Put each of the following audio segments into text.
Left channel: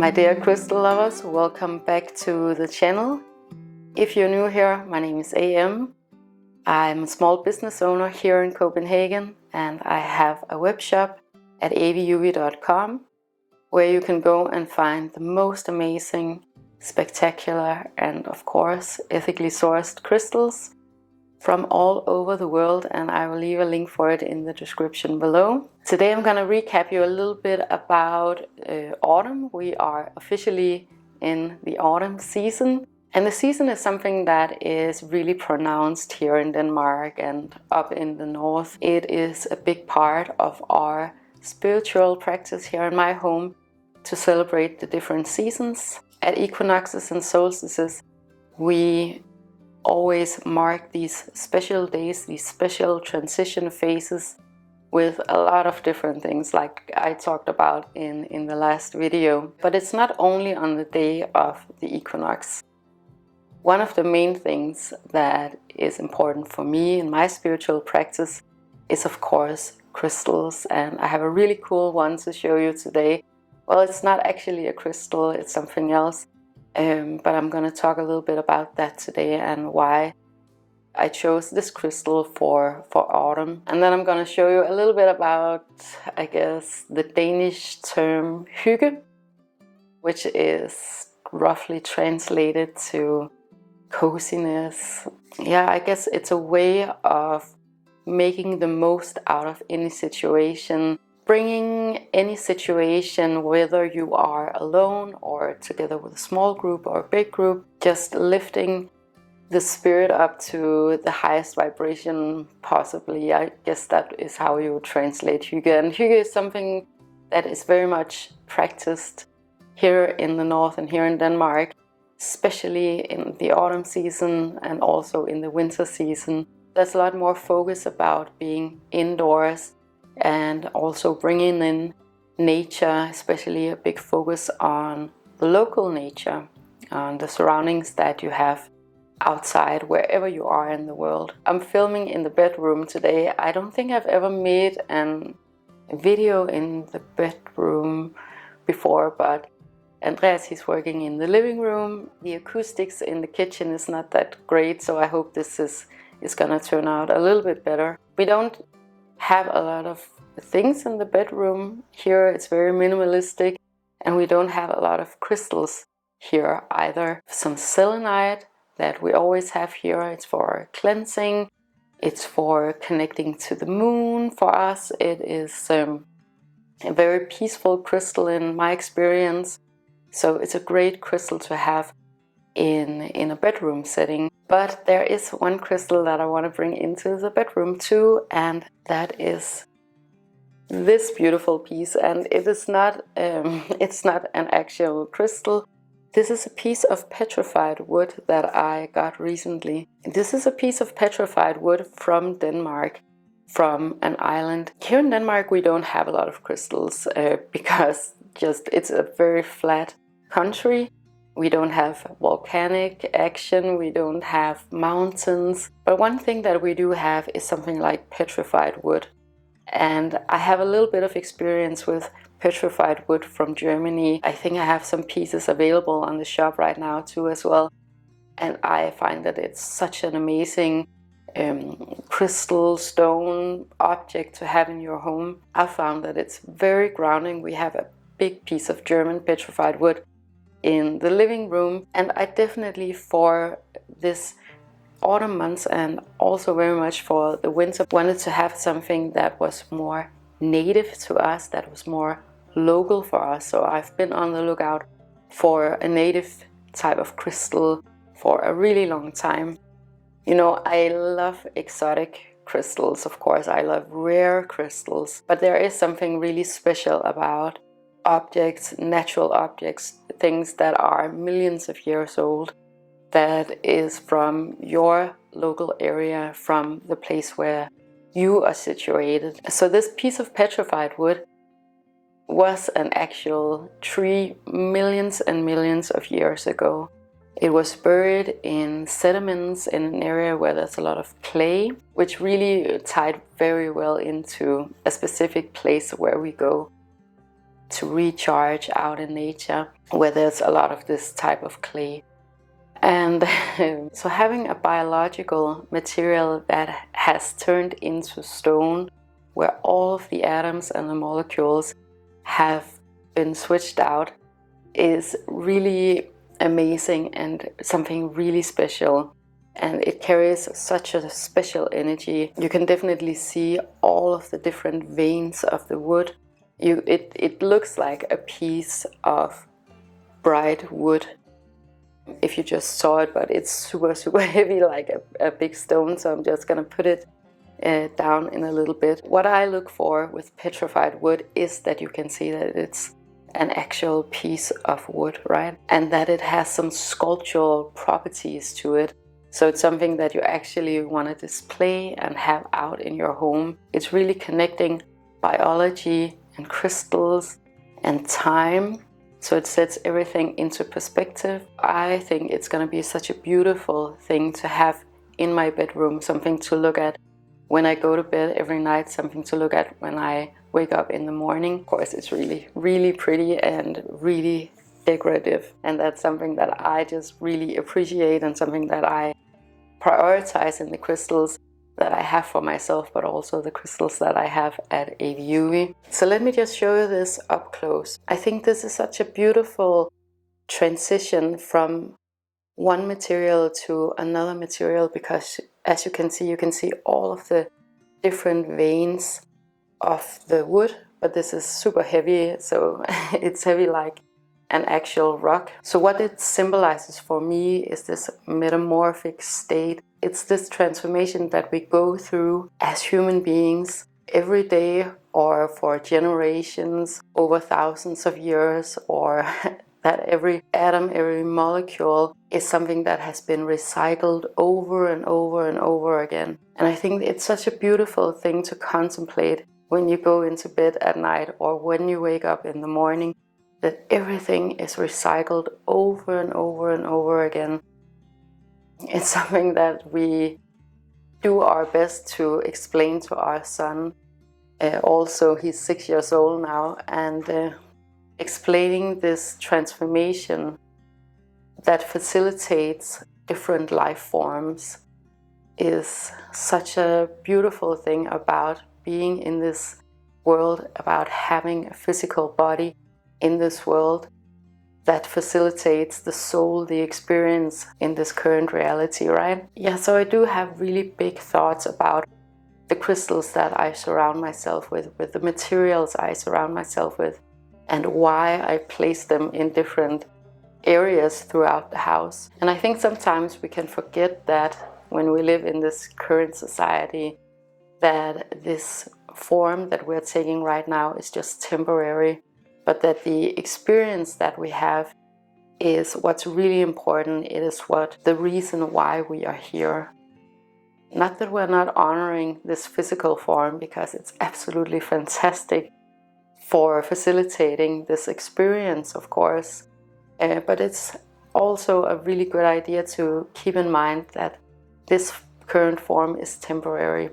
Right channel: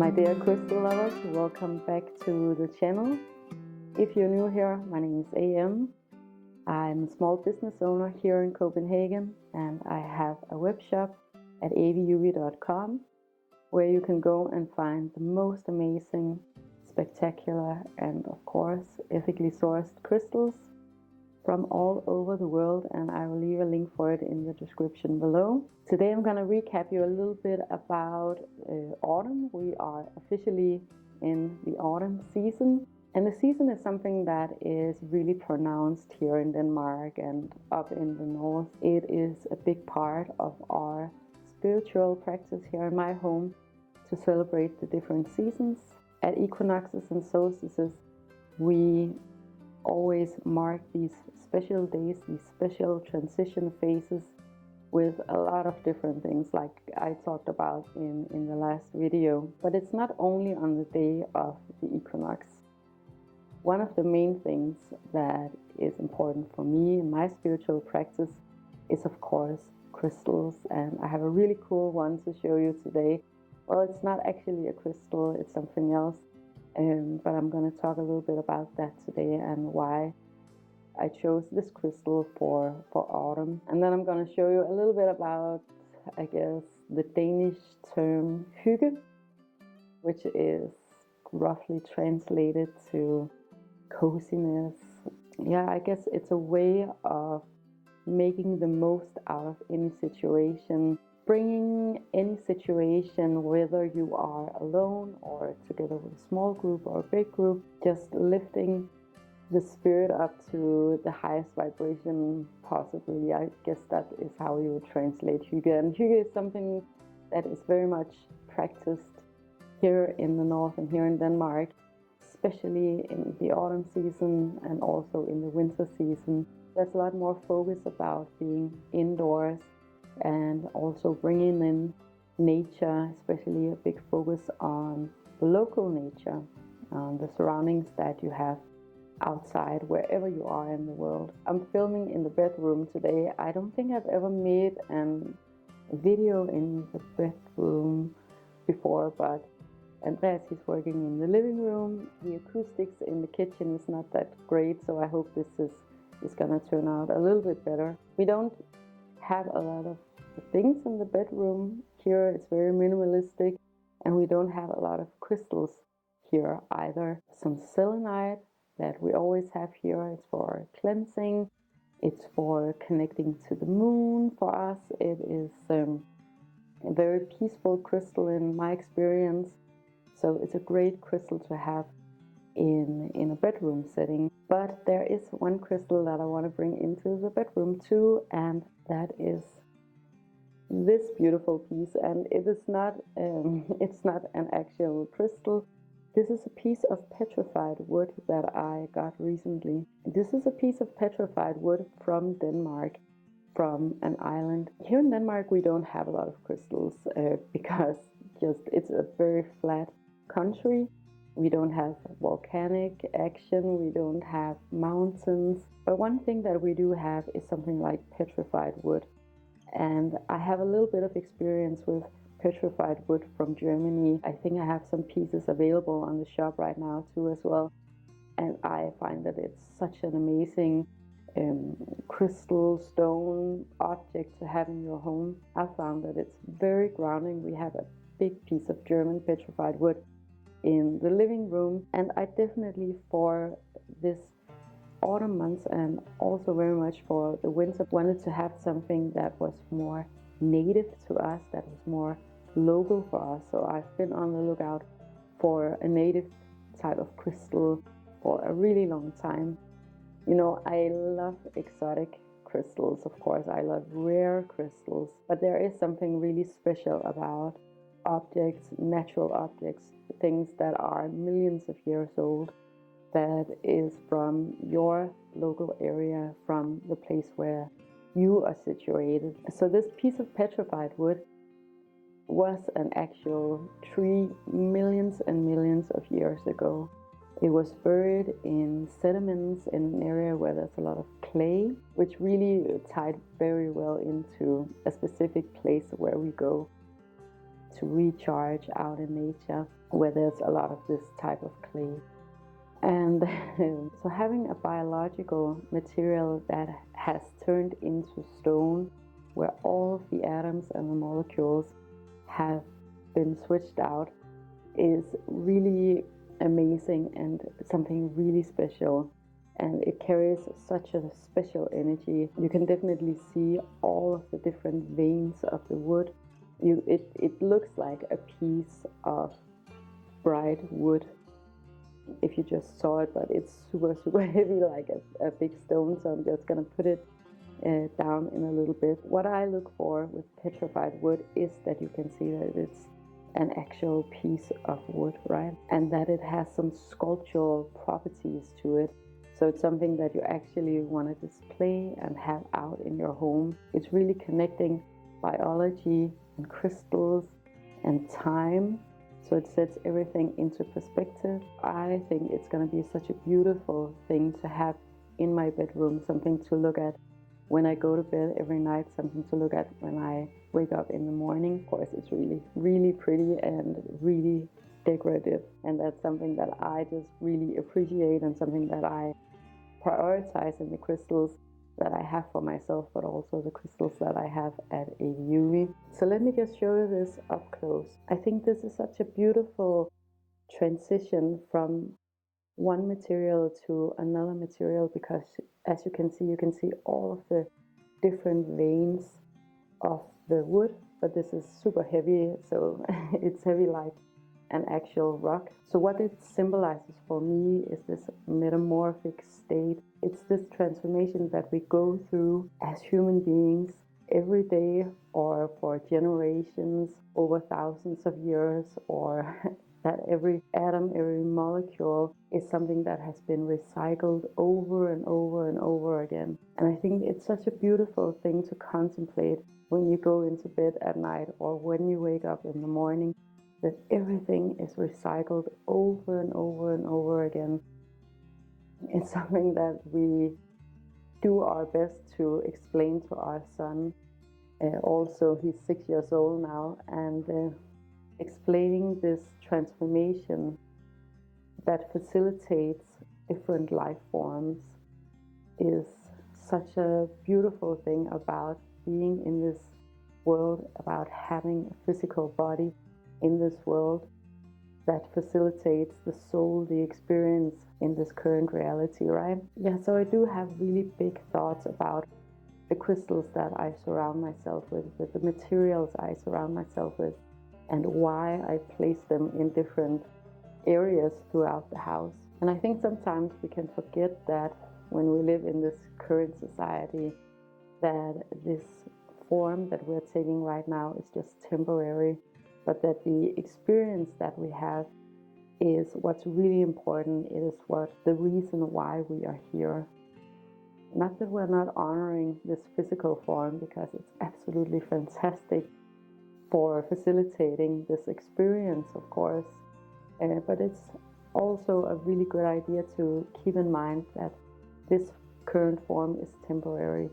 My dear crystal lovers, welcome back to the channel. If you're new here, my name is AM. I'm a small business owner here in Copenhagen, and I have a web shop at AVIUVI.com where you can go and find the most amazing, spectacular, and of course ethically sourced crystals from all over the world, and I will leave a link for it in the description below. Today I'm going to recap you a little bit about autumn. We are officially in the autumn season, and the season is something that is really pronounced here in Denmark and up in the north. It is a big part of our spiritual practice here in my home to celebrate the different seasons. At equinoxes and solstices, we always mark these special days, these special transition phases with a lot of different things like I talked about in the last video. But it's not only on the day of the equinox. One of the main things that is important for me in my spiritual practice is of course crystals, and I have a really cool one to show you today. Well, it's not actually a crystal, it's something else. But I'm going to talk a little bit about that today and why I chose this crystal for autumn. And then I'm going to show you a little bit about, I guess, the Danish term Hygge, which is roughly translated to coziness. Yeah, I guess it's a way of making the most out of any situation, bringing any situation, whether you are alone or together with a small group or a big group, just lifting the spirit up to the highest vibration possibly. I guess that is how you would translate Hygge. And Hygge is something that is very much practiced here in the north and here in Denmark, especially in the autumn season and also in the winter season. There's a lot more focus about being indoors and also bringing in nature, especially a big focus on the local nature, on the surroundings that you have outside wherever you are in the world. I'm filming in the bedroom today. I don't think I've ever made a video in the bedroom before, but Andreas, he's working in the living room. The acoustics in the kitchen is not that great, so I hope this is gonna turn out a little bit better. We don't have a lot of things in the bedroom here. It's very minimalistic, and we don't have a lot of crystals here either. Some selenite that we always have here. It's for cleansing, it's for connecting to the moon. For us it is a very peaceful crystal in my experience, so it's a great crystal to have in a bedroom setting. But there is one crystal that I want to bring into the bedroom too, and that is this beautiful piece. And it is not it's not an actual crystal. This is a piece of petrified wood that I got recently. This is a piece of petrified wood from Denmark, from an island. Here in Denmark we don't have a lot of crystals because it's a very flat country. We don't have volcanic action, we don't have mountains. But one thing that we do have is something like petrified wood. And I have a little bit of experience with petrified wood from Germany. I think I have some pieces available on the shop right now too as well. And I find that it's such an amazing crystal stone object to have in your home. I found that it's very grounding. We have a big piece of German petrified wood in the living room, and I definitely for this autumn months and also very much for the winter wanted to have something that was more native to us, that was more local for us. So I've been on the lookout for a native type of crystal for a really long time. You know, I love exotic crystals, of course, I love rare crystals, but there is something really special about objects, natural objects, things that are millions of years old, that is from your local area, from the place where you are situated. So this piece of petrified wood was an actual tree millions and millions of years ago. It was buried in sediments in an area where there's a lot of clay, which really tied very well into a specific place where we go. to recharge out in nature where there's a lot of this type of clay. And so having a biological material that has turned into stone, where all of the atoms and the molecules have been switched out, is really amazing and something really special. And it carries such a special energy. You can definitely see all of the different veins of the wood. It looks like a piece of bright wood if you just saw it, but it's super, super heavy, like a big stone. So I'm just gonna put it down in a little bit. What I look for with petrified wood is that you can see that it's an actual piece of wood, right? And that it has some sculptural properties to it. So it's something that you actually want to display and have out in your home. It's really connecting biology and crystals and time. So it sets everything into perspective. I think it's going to be such a beautiful thing to have in my bedroom, something to look at when I go to bed every night, something to look at when I wake up in the morning. Of course, it's really, really pretty and really decorative. And that's something that I just really appreciate and something that I prioritize in the crystals that I have for myself, but also the crystals that I have at AVIUVI. So let me just show you this up close. I think this is such a beautiful transition from one material to another material, because as you can see all of the different veins of the wood, but this is super heavy, so it's heavy like an actual rock. So what it symbolizes for me is this metamorphic state. It's this transformation that we go through as human beings every day, or for generations, over thousands of years, or that every atom, every molecule is something that has been recycled over and over and over again. And I think it's such a beautiful thing to contemplate when you go into bed at night or when you wake up in the morning, that everything is recycled over and over and over again. It's something that we do our best to explain to our son. Also, he's 6 years old now, and explaining this transformation that facilitates different life forms is such a beautiful thing about being in this world, about having a physical body in this world that facilitates the soul, the experience in this current reality, right? Yeah, so I do have really big thoughts about the crystals that I surround myself with the materials I surround myself with, and why I place them in different areas throughout the house. And I think sometimes we can forget that when we live in this current society, that this form that we're taking right now is just temporary, but that the experience that we have is what's really important. It is the reason why we are here. Not that we're not honoring this physical form, because it's absolutely fantastic for facilitating this experience, of course, but it's also a really good idea to keep in mind that this current form is temporary.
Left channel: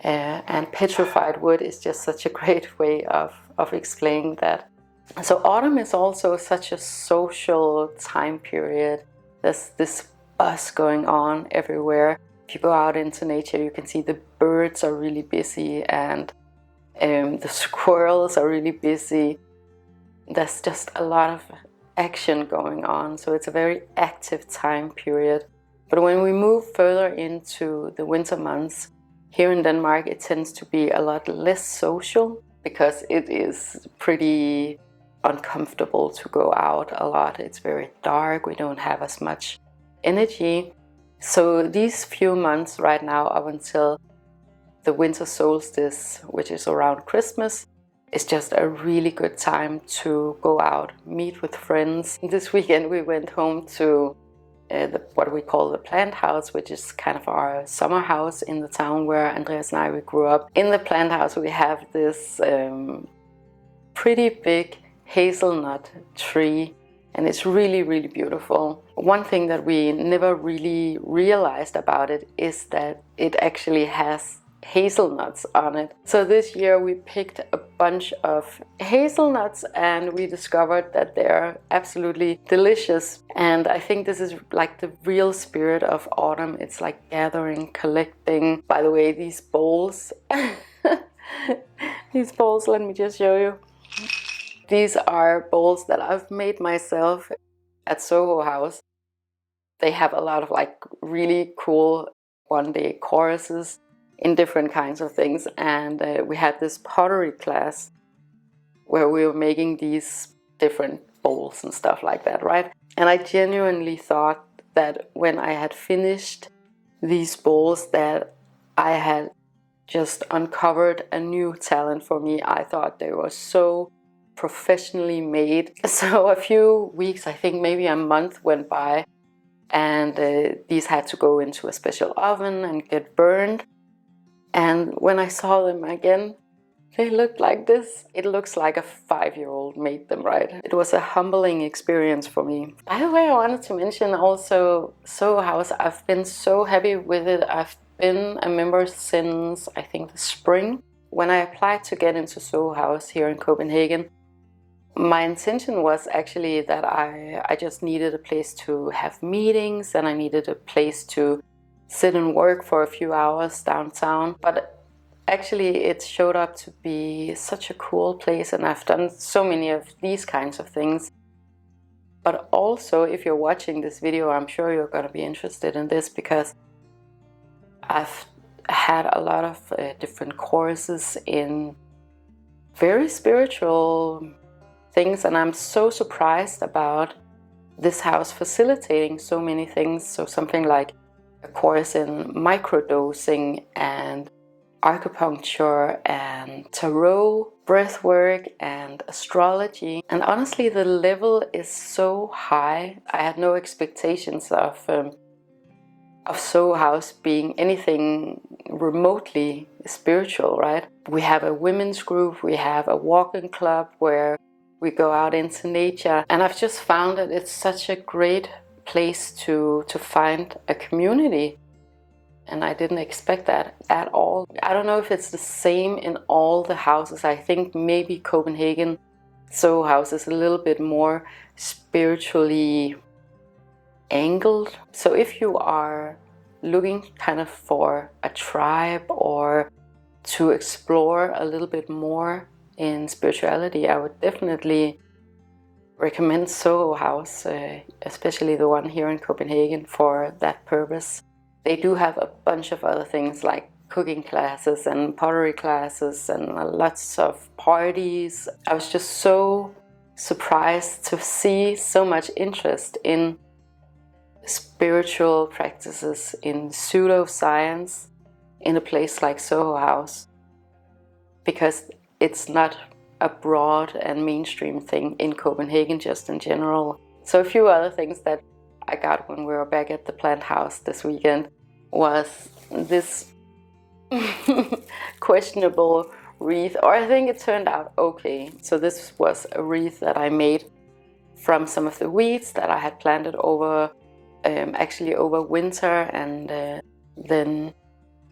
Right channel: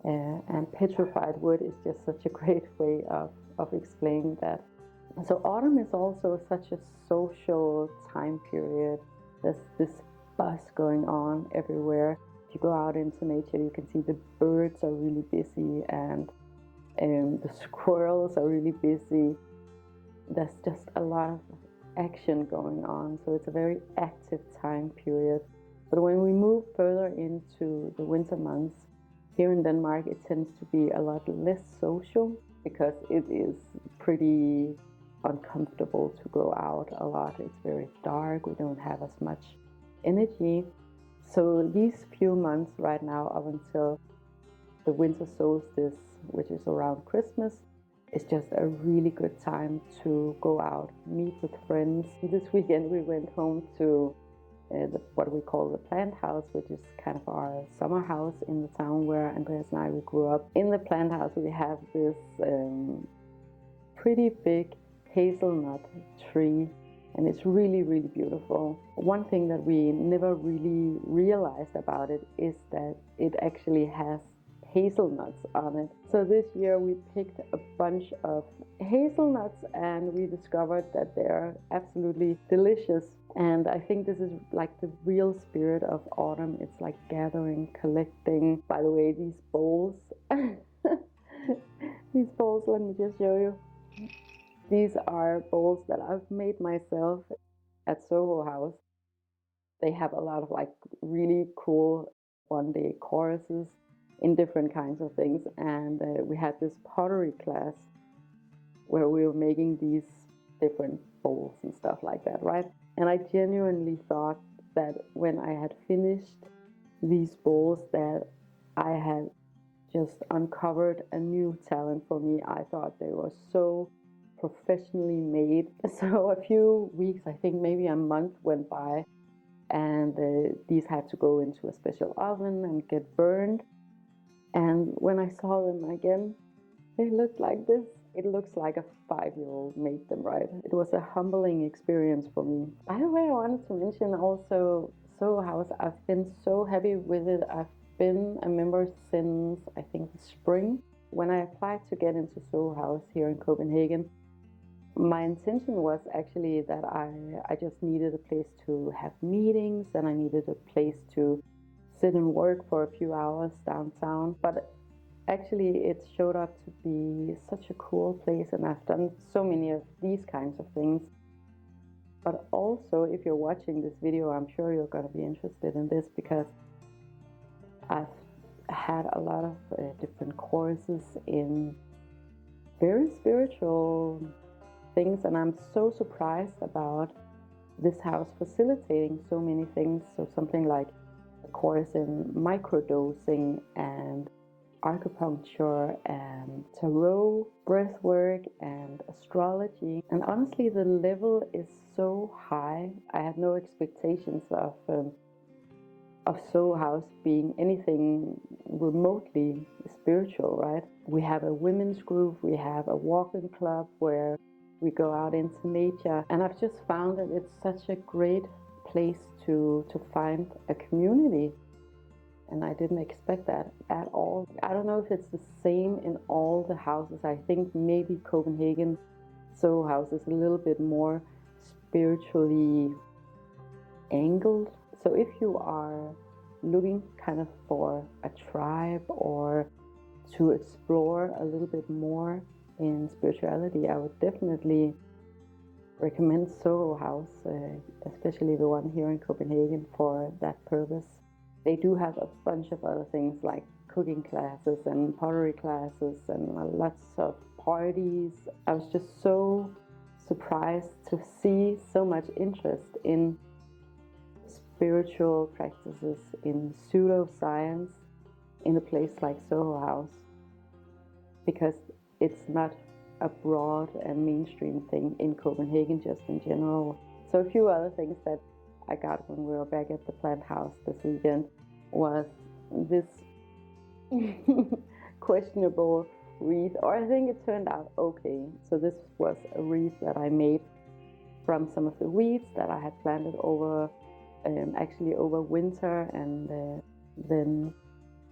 And petrified wood is just such a great way of explaining that. So autumn is also such a social time period. There's this buzz going on everywhere. If you go out into nature, you can see the birds are really busy, and the squirrels are really busy. There's just a lot of action going on, so it's a very active time period. But when we move further into the winter months, here in Denmark, it tends to be a lot less social, because it is pretty uncomfortable to go out a lot. It's very dark, we don't have as much energy. So these few months right now, up until the winter solstice, which is around Christmas, is just a really good time to go out, meet with friends. This weekend we went home to what we call the plant house, which is kind of our summer house in the town where Andreas and I grew up. In the plant house we have this pretty big hazelnut tree, and it's really, really beautiful. One thing that we never really realized about it is that it actually has hazelnuts on it. So this year we picked a bunch of hazelnuts and we discovered that they're absolutely delicious. And I think this is like the real spirit of autumn. It's like gathering, collecting. By the way, these bowls, these bowls, let me just show you. These are bowls that I've made myself at Soho House. They have a lot of like really cool one-day choruses in different kinds of things, and we had this pottery class where we were making these different bowls and stuff like that, right? And I genuinely thought that when I had finished these bowls that I had just uncovered a new talent for me. I thought they were so professionally made. So a few weeks, I think maybe a month went by, and these had to go into a special oven and get burned. And when I saw them again, they looked like this. It looks like a 5-year-old made them, right? It was a humbling experience for me. By the way, I wanted to mention also Soho House. I've been so happy with it. I've been a member since, I think, the spring. When I applied to get into Soho House here in Copenhagen, my intention was actually that I just needed a place to have meetings, and I needed a place to sit and work for a few hours downtown. But actually it showed up to be such a cool place, and I've done so many of these kinds of things. But also, if you're watching this video, I'm sure you're going to be interested in this, because I've had a lot of different courses in very spiritual things, and I'm so surprised about this house facilitating so many things. So something like a course in microdosing and acupuncture and tarot, breathwork and astrology. And honestly, the level is so high. I had no expectations of Soho House being anything remotely spiritual, right? We have a women's group, we have a walking club where we go out into nature, and I've just found that it's such a great place to find a community. And I didn't expect that at all. I don't know if it's the same in all the houses. I think maybe Copenhagen Soho House is a little bit more spiritually angled. So if you are looking kind of for a tribe or to explore a little bit more in spirituality, I would definitely recommend Soho House, especially the one here in Copenhagen, for that purpose. They do have a bunch of other things like cooking classes and pottery classes and lots of parties. I was just so surprised to see so much interest in spiritual practices, in pseudoscience, in a place like Soho House, because it's not a broad and mainstream thing in Copenhagen, just in general. So a few other things that I got when we were back at the plant house this weekend was this questionable wreath, or I think it turned out okay. So this was a wreath that I made from some of the weeds that I had planted over actually over winter, and then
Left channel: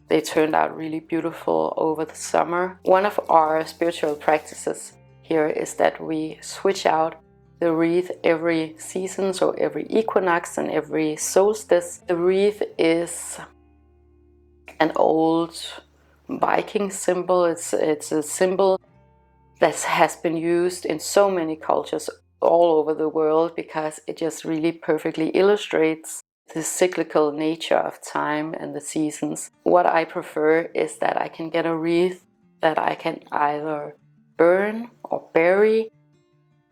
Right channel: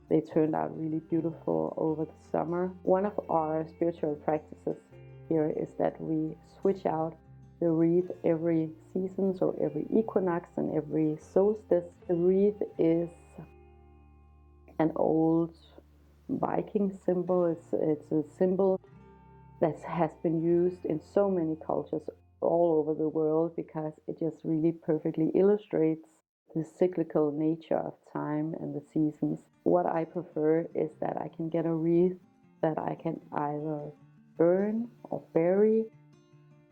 they turned out really beautiful over the summer. One of our spiritual practices here is that we switch out the wreath every season, so every equinox and every solstice. The wreath is an old Viking symbol. It's a symbol that has been used in so many cultures all over the world, because it just really perfectly illustrates the cyclical nature of time and the seasons. What I prefer is that I can get a wreath that I can either burn or bury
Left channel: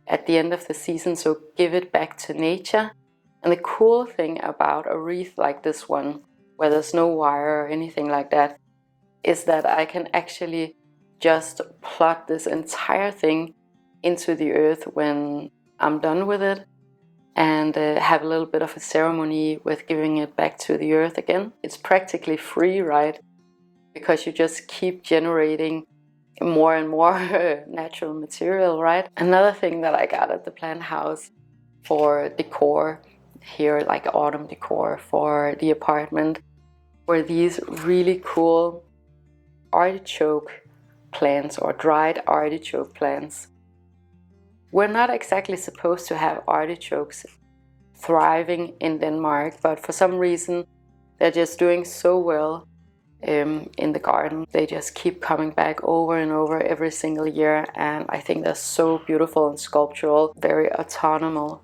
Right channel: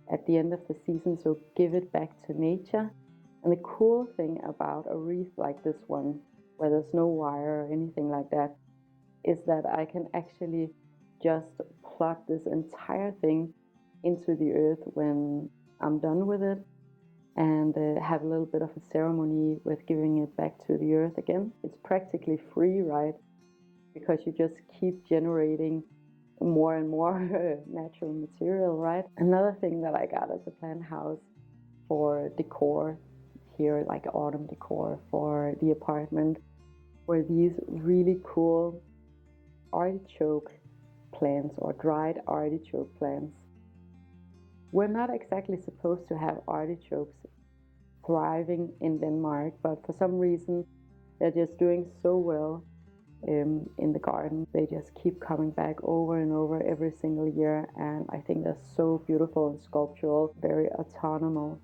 at the end of the season, so give it back to nature. And the cool thing about a wreath like this one, where there's no wire or anything like that, is that I can actually just plug this entire thing into the earth when I'm done with it, and have a little bit of a ceremony with giving it back to the earth again. It's practically free, right? Because you just keep generating more and more natural material, right? Another thing that I got at the plant house for decor here, like autumn decor for the apartment, were these really cool artichoke plants or dried artichoke plants. We're not exactly supposed to have artichokes thriving in Denmark, but for some reason they're just doing so well in the garden. They just keep coming back over and over every single year, and I think they're so beautiful and sculptural, very autonomous.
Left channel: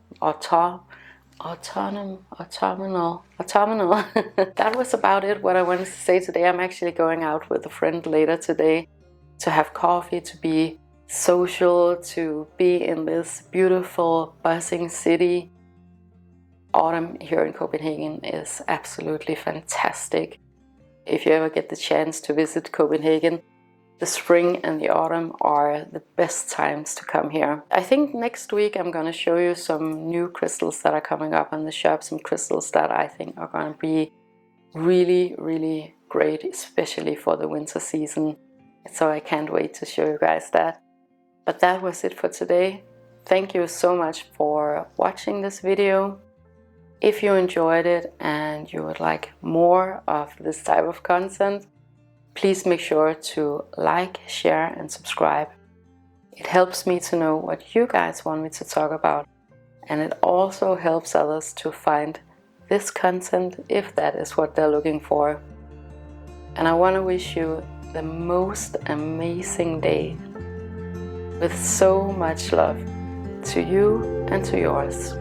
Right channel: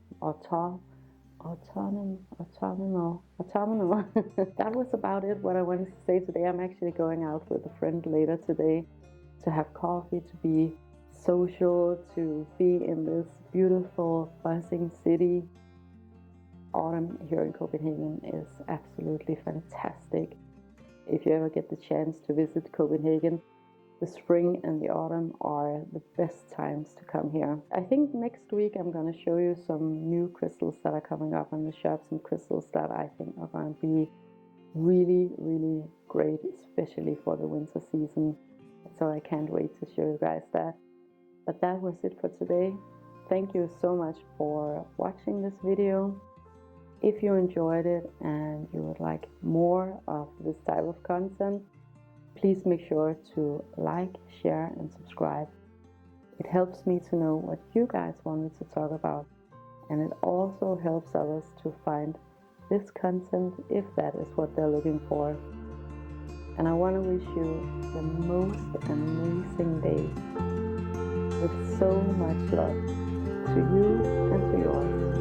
That was about it, what I wanted to say today. I'm actually going out with a friend later today to have coffee, to be social, to be in this beautiful, buzzing city. Autumn here in Copenhagen is absolutely fantastic. If you ever get the chance to visit Copenhagen, the spring and the autumn are the best times to come here. I think next week I'm going to show you some new crystals that are coming up on the shop, some crystals that I think are going to be really, really great, especially for the winter season. So I can't wait to show you guys that. But that was it for today. Thank you so much for watching this video. If you enjoyed it and you would like more of this type of content, please make sure to like, share and subscribe. It helps me to know what you guys want me to talk about, and it also helps others to find this content if that is what they're looking for. And I want to wish you the most amazing day with so much love to you and to yours.